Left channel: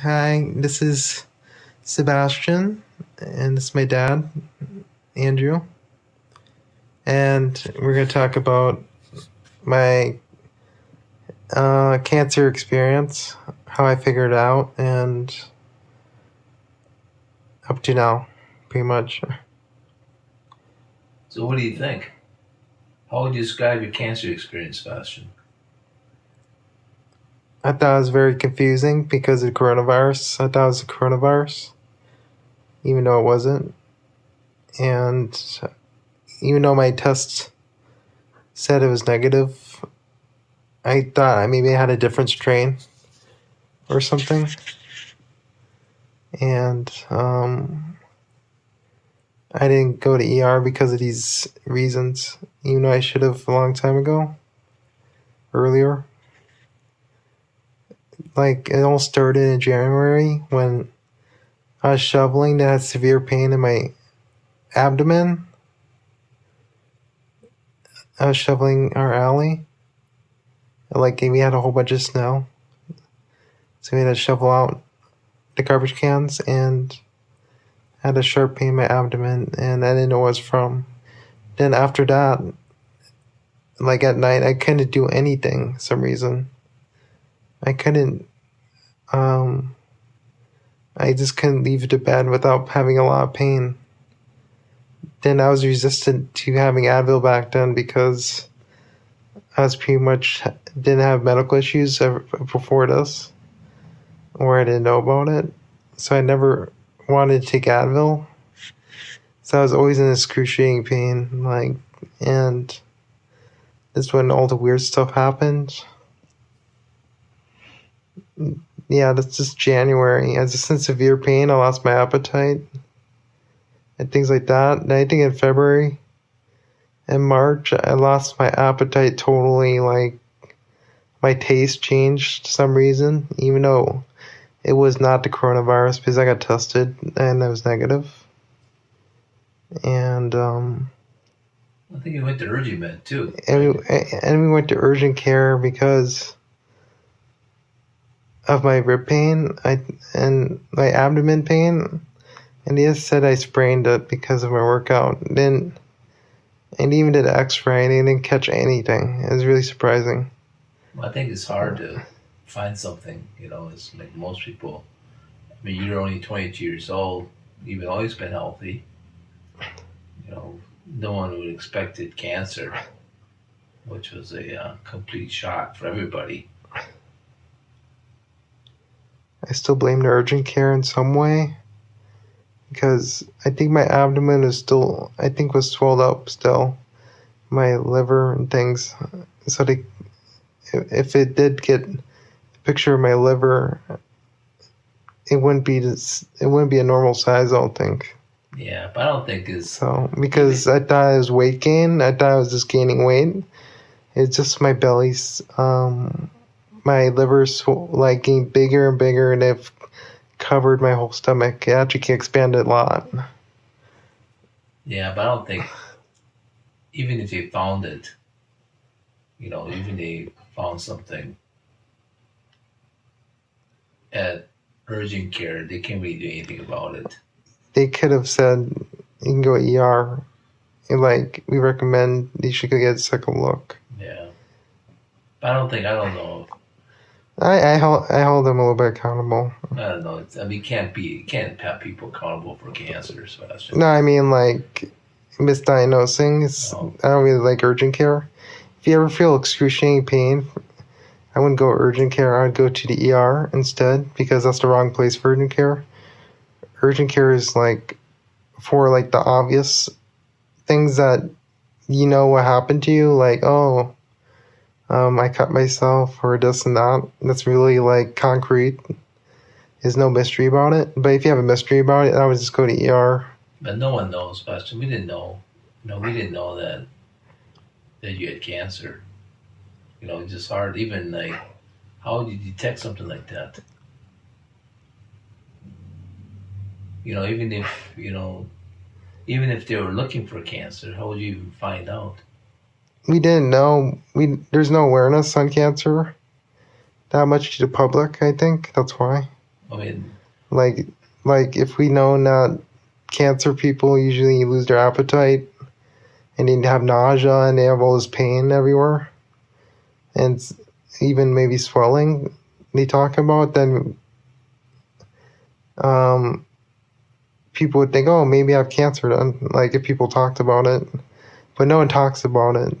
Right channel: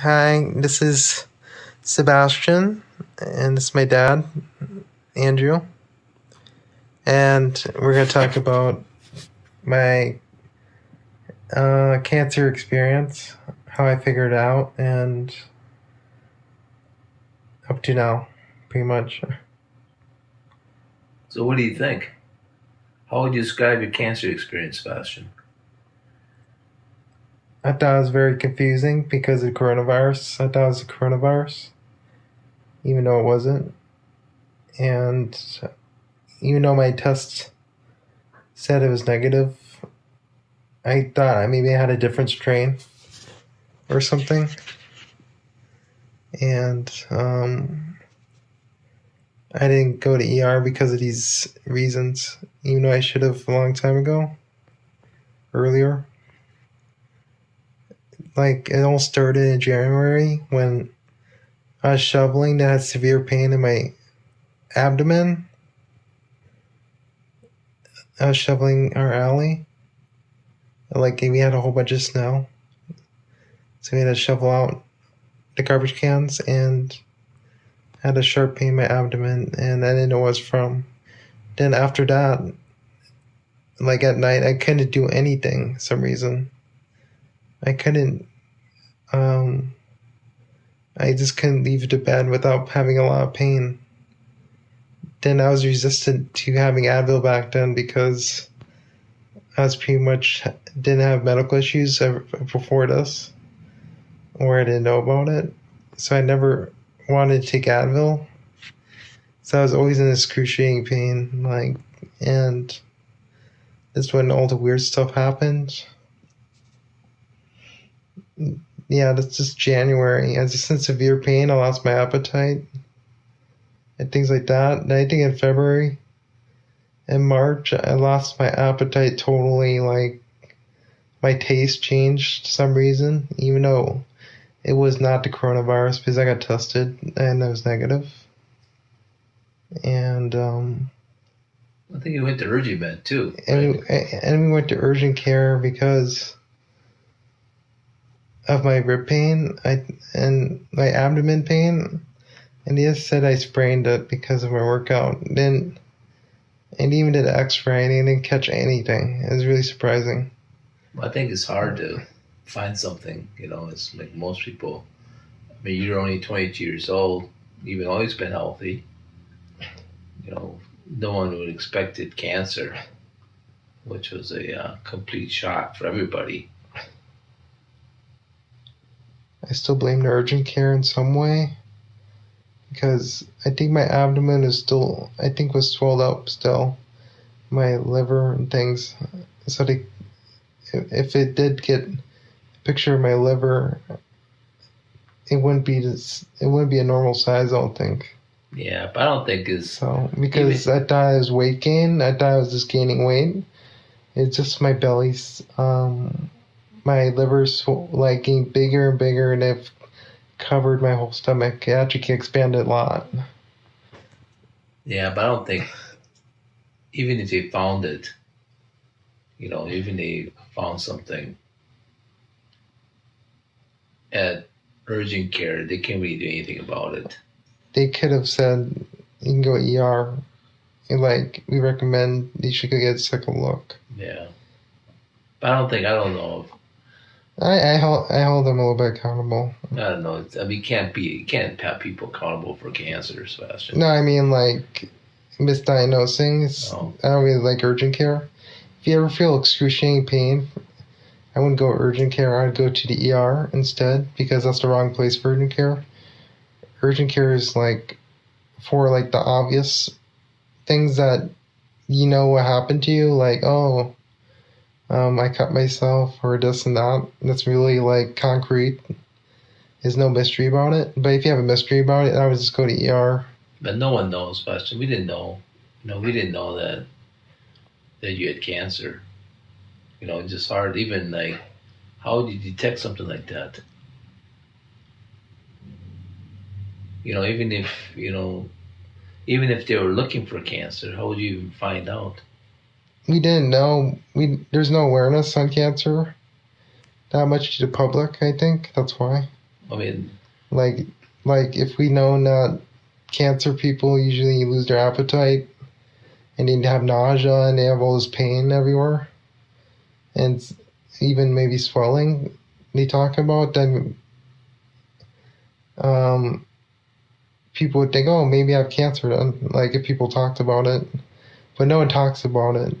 Hi, this is Sebastian, and this is my dad, Andrew. And we're going to talk about my cancer experience, how I figured it out, and up to now, pretty much. So, what do you think? How would you describe your cancer experience, Sebastian? I thought it was very confusing because of coronavirus. I thought it was the coronavirus, even though it wasn't. And even though my tests said it was negative, I thought maybe I had a different strain or something. And I didn't go to ER because of these reasons, even though I should have a long time ago, earlier. Like, it all started in January when I was shoveling that had severe pain in my abdomen. I was shoveling our alley. Like, we had a whole bunch of snow. So we had to shovel out the garbage cans and had a sharp pain in my abdomen, and I didn't know what it was from. Then after that, like at night, I couldn't do anything for some reason. I couldn't, I just couldn't leave the bed without having a lot of pain. Then I was resistant to having Advil back then because I was pretty much didn't have medical issues before this, or I didn't know about it. So I never wanted to take Advil. So I was always in excruciating pain, and that's when all the weird stuff happened. Yeah, that's just January. I was just in severe pain. I lost my appetite and things like that. And I think in February and March, I lost my appetite totally. Like, my taste changed for some reason, even though it was not the coronavirus because I got tested and I was negative. And I think you went to urgent med too. and we went to urgent care because of my rib pain and my abdomen pain, and they just said I sprained it because of my workout. And even did an x-ray and they didn't catch anything. It was really surprising. Well, I think it's hard to find something, it's like most people. I mean, you're only 22 years old. You've always been healthy. No one would expected cancer, which was a complete shock for everybody. I still blame the urgent care in some way because I think my abdomen was swelled up still, my liver and things. So if it did get a picture of my liver, it wouldn't be a normal size, I don't think. Yeah, but I don't think it's so because I thought it was weight gain. I thought I was just gaining weight. It's just my belly's my liver's like getting bigger and bigger, and they've covered my whole stomach. It actually can expand a lot. Yeah, but I don't think even if they found it, even they found something at urgent care, they can't really do anything about it. They could have said you can go ER. Like, we recommend you should go get a second look. Yeah, but I don't know. I hold them a little bit accountable. I don't know. I mean, you can't have people accountable for cancer, Sebastian. No, I mean, like, misdiagnosing. No. I don't really like urgent care. If you ever feel excruciating pain, I wouldn't go urgent care. I'd go to the ER instead because that's the wrong place for urgent care. Urgent care is like for like the obvious things that you know what happened to you, like, I cut myself or this and that. That's really like concrete. There's no mystery about it. But if you have a mystery about it, I would just go to ER. But no one knows, Sebastian. We didn't know. We didn't know that you had cancer. It's just hard. Even like, how would you detect something like that? Even if they were looking for cancer, how would you even find out? We didn't know. There's no awareness on cancer that much to the public, I think. That's why. I mean, Like if we know that cancer people usually lose their appetite and they have nausea and they have all this pain everywhere and even maybe swelling they talk about, then people would think, oh, maybe I have cancer then. Like if people talked about it, but no one talks about it.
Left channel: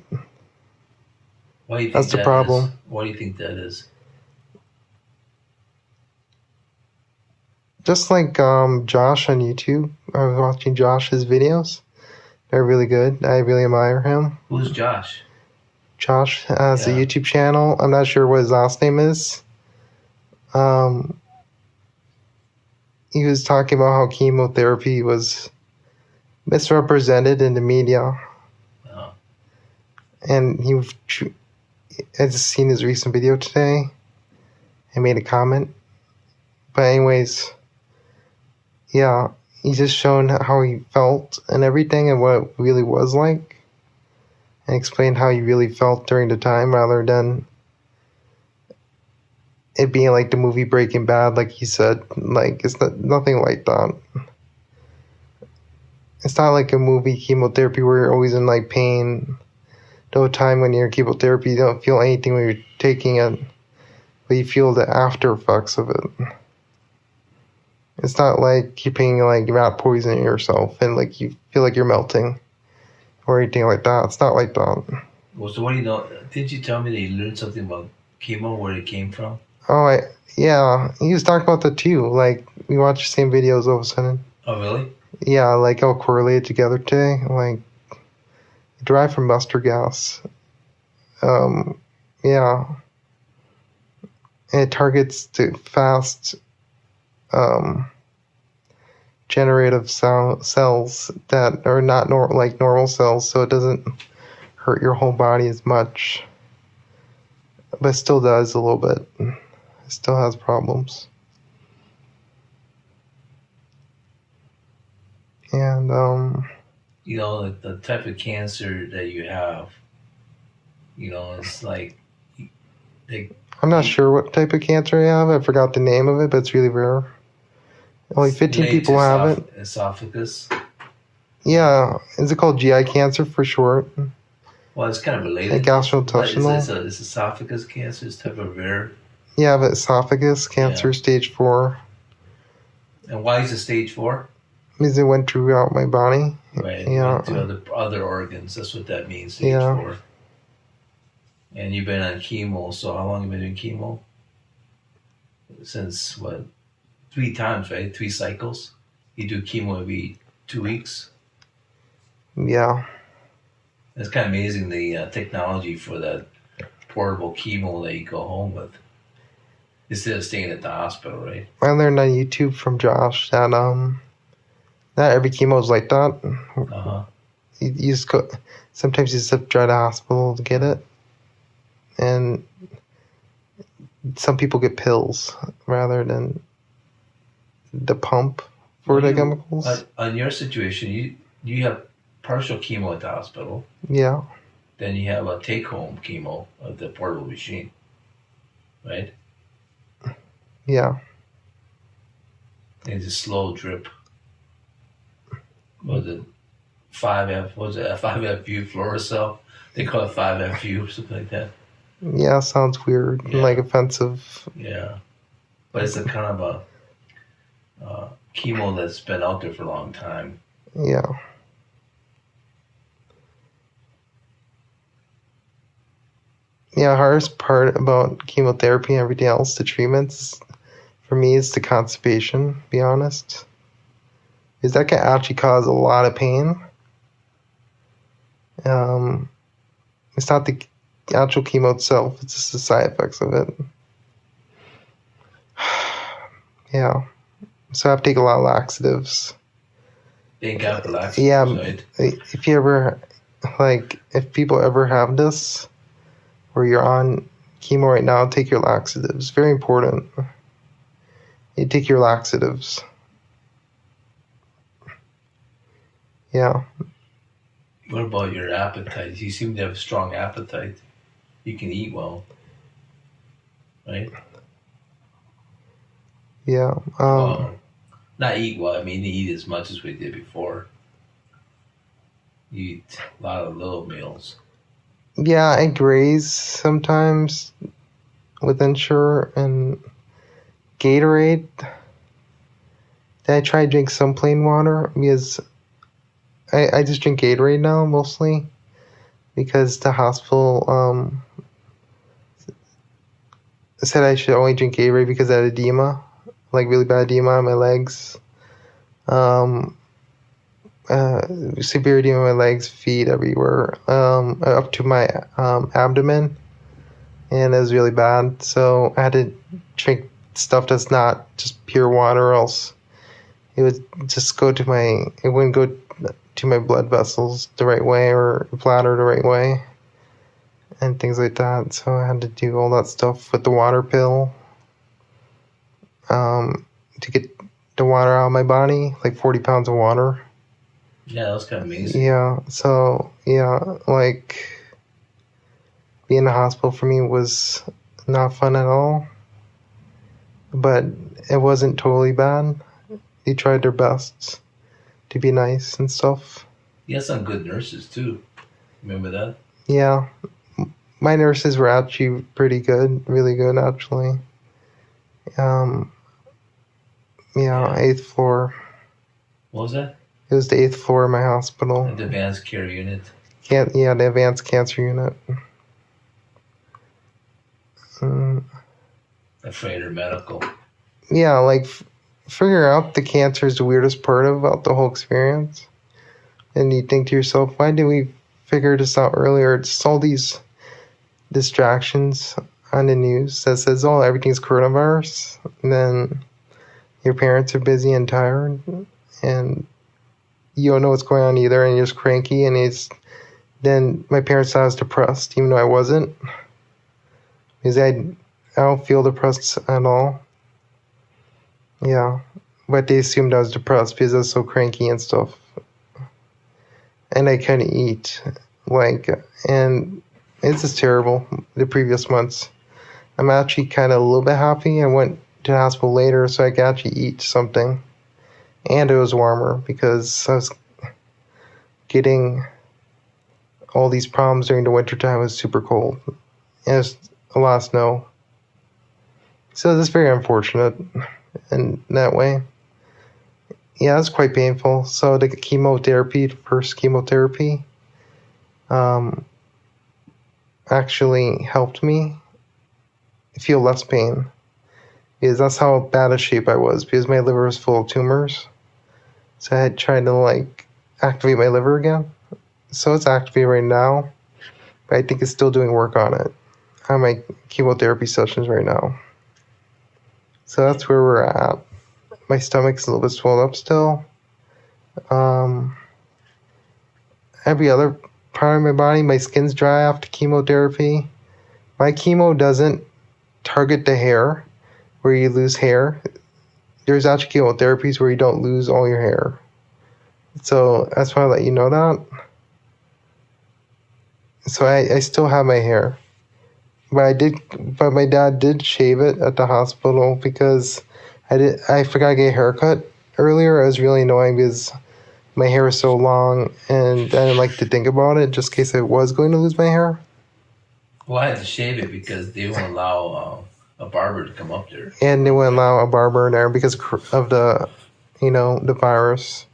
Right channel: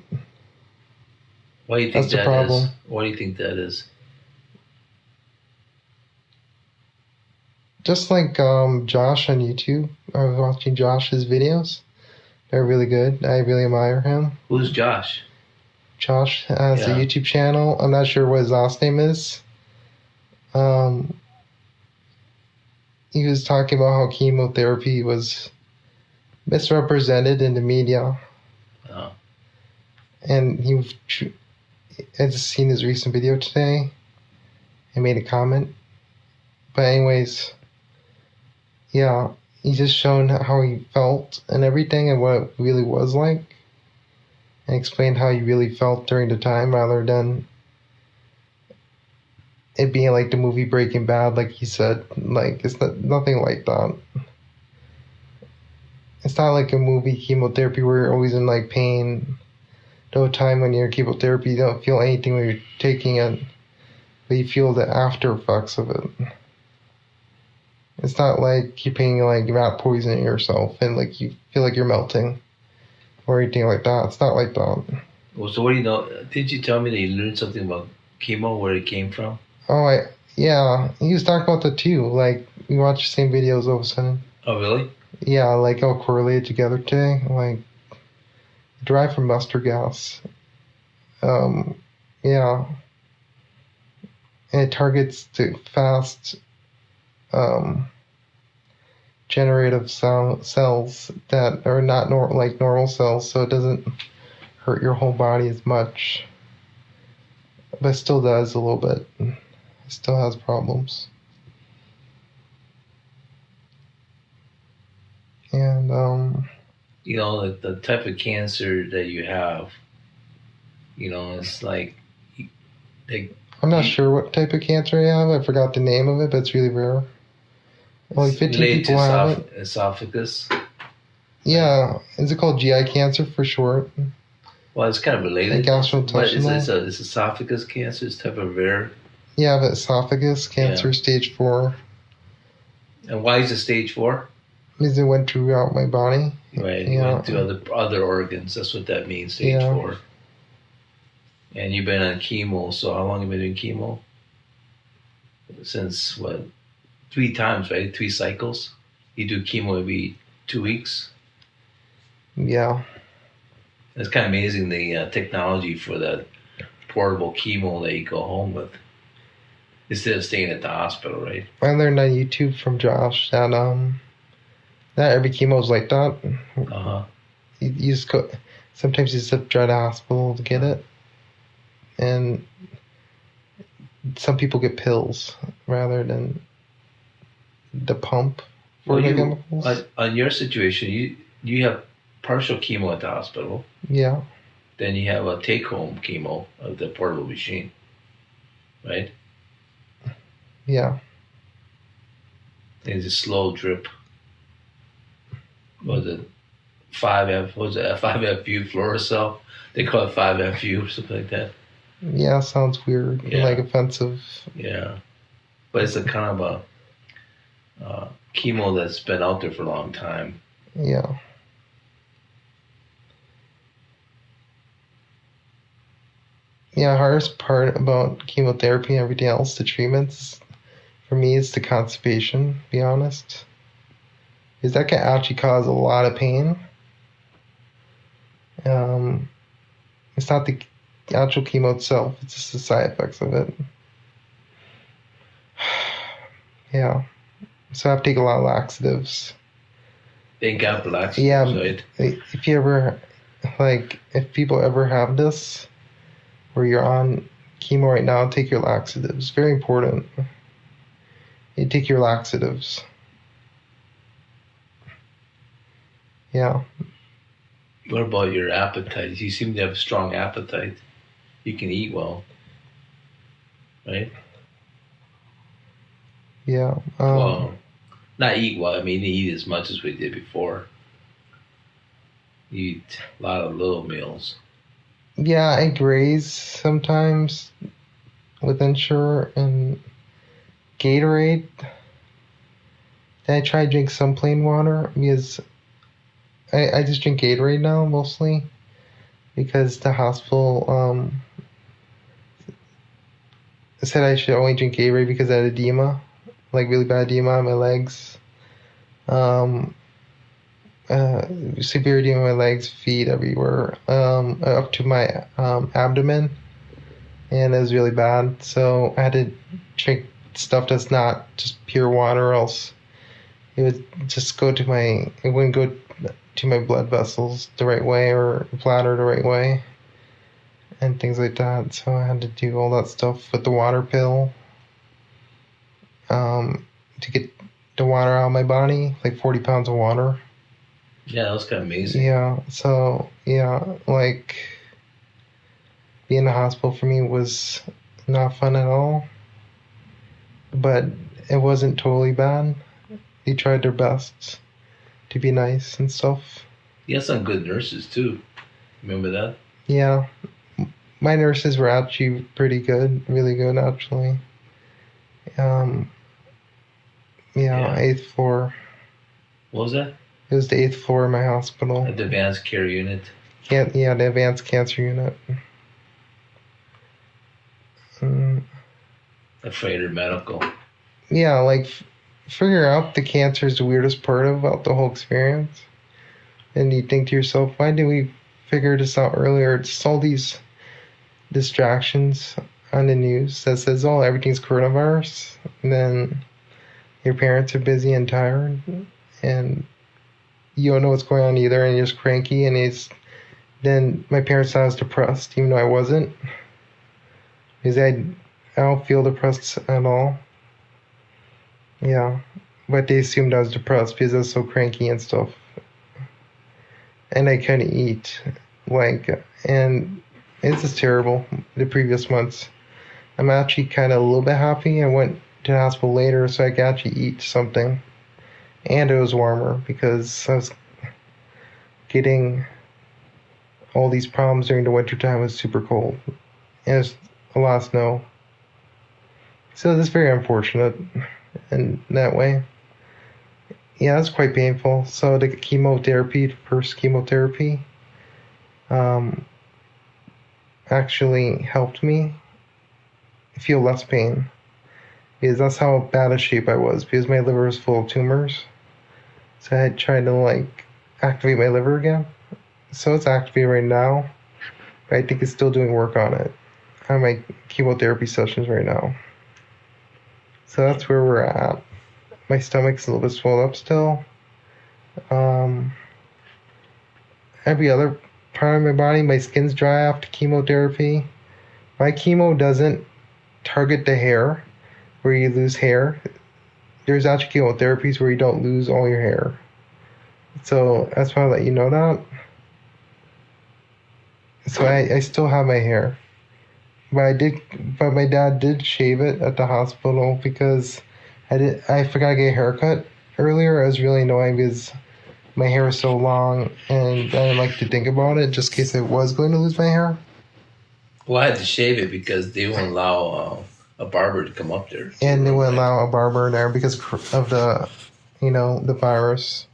why do you think That's the that problem. is? Why do you think that is? Just like Josh on YouTube, I was watching Josh's videos. They're really good. I really admire him. Who's Josh? Josh has a Yeah. YouTube channel. I'm not sure what his last name is. He was talking about how chemotherapy was misrepresented in the media, Oh. and he has seen his recent video today and made a comment. But anyways, yeah, he's just shown how he felt and everything and what it really was like, and explained how he really felt during the time rather than it being like the movie Breaking Bad, like he said. Like it's nothing like that. It's not like a movie chemotherapy where you're always in like pain the whole time. When you're in chemotherapy, you don't feel anything when you're taking it, but you feel the after effects of it. It's not like you're paying like rat poisoning yourself and like you feel like you're melting or anything like that. It's not like that. Well, so what do you know? Did you tell me that you learned something about chemo, where it came from? Oh, yeah, he was talking about that too. Like we watched the same videos all of a sudden. Oh, really? Yeah, like all correlated together today. Like derived from mustard gas. Yeah, and it targets the fast generative cells that are not like normal cells, so it doesn't hurt your whole body as much, but it still does a little bit. It still has problems. And You know, the type of cancer that you have, you know, it's like, I'm not sure what type of cancer I have. I forgot the name of it, but it's really rare. Only 15 people have it. Esophagus. Yeah, is it called GI cancer for short? Well, it's kind of related. And gastrointestinal. But it's esophagus cancer. It's type of rare. Yeah, but esophagus cancer, stage 4. And why is it stage 4? Means it went throughout my body. Right. Yeah. Went to other organs. That's what that means. Stage 4. And you've been on chemo. So how long have you been doing chemo? Since what? 3 times, right? 3 cycles. You do chemo every 2 weeks. Yeah. It's kind of amazing the technology for that portable chemo that you go home with instead of staying at the hospital, right? I learned on YouTube from Josh that not every chemo is like that. You just go. Sometimes you just have to try the hospital to get it, and some people get pills rather than the pump for the chemicals. On your situation, you have partial chemo at the hospital. Yeah. Then you have a take-home chemo of the portable machine, right? Yeah. It's a slow drip. Was it 5F? Was it a 5FU fluorocell? They call it 5FU or something like that. Yeah, sounds weird, like offensive. Yeah, but it's a kind of a chemo that's been out there for a long time. Yeah. Yeah, hardest part about chemotherapy and everything else, the treatments, for me, is the constipation, to be honest. Because that can actually cause a lot of pain. It's not the actual chemo itself, it's just the side effects of it. Yeah. So I have to take a lot of laxatives. Thank God for laxatives, yeah, right? If you ever, if people ever have this, where you're on chemo right now, take your laxatives. Very important. You take your laxatives. Yeah. What about your appetite? You seem to have a strong appetite. You can eat well, right? Yeah. Well, not eat well. I mean, eat as much as we did before. You eat a lot of little meals. Yeah, I graze sometimes with Ensure and Gatorade. I try to drink some plain water because I just drink Gatorade now mostly because the hospital said I should only drink Gatorade because I had edema, like really bad edema on my legs. Um, Severe edema on my legs, feet, everywhere, up to my abdomen, and it was really bad. So I had to drink stuff that's not just pure water, or else it would just it wouldn't go to my blood vessels the right way or bladder the right way and things like that. So I had to do all that stuff with the water pill to get the water out of my body, like 40 pounds of water. Yeah, that was kind of amazing. Yeah, so yeah, like being in the hospital for me was not fun at all, but it wasn't totally bad. They tried their best to be nice and stuff. You had some good nurses too. Remember that? Yeah, my nurses were actually pretty good, really good actually. Yeah, Yeah. 8th floor. What was that? It was the 8th floor of my hospital. The advanced care unit. Yeah, the advanced cancer unit. Freighter medical. Yeah, like figuring out the cancer is the weirdest part about the whole experience. And you think to yourself, why did we figure this out earlier? It's all these distractions on the news that says, oh, everything's coronavirus. And then your parents are busy and tired, and you don't know what's going on either, and you're just cranky. And then my parents thought I was depressed, even though I wasn't, because I don't feel depressed at all. Yeah, but they assumed I was depressed because I was so cranky and stuff, and I couldn't eat, and it's just terrible. The previous months, I'm actually kind of a little bit happy. I went to the hospital later so I could actually eat something, and it was warmer because I was getting all these problems during the winter time. It was super cold, and it's a lot of snow. So it's very unfortunate in that way. Yeah, it's quite painful. So the first chemotherapy, actually helped me feel less pain. Because that's how bad a shape I was, because my liver was full of tumors. So I had tried to activate my liver again. So it's activated right now, but I think it's still doing work on it, on my chemotherapy sessions right now. So that's where we're at. My stomach's a little bit swelled up still. Every other part of my body, my skin's dry after chemotherapy. My chemo doesn't target the hair, where you lose hair. There's actually chemotherapies where you don't lose all your hair. So that's why I let you know that. So I still have my hair. But my dad did shave it at the hospital because I forgot to get a haircut earlier. I was really annoying because my hair was so long and I didn't like to think about it just in case I was going to lose my hair. Well, I had to shave it because they won't allow a barber to come up there. And they wouldn't allow a barber in there because of the virus.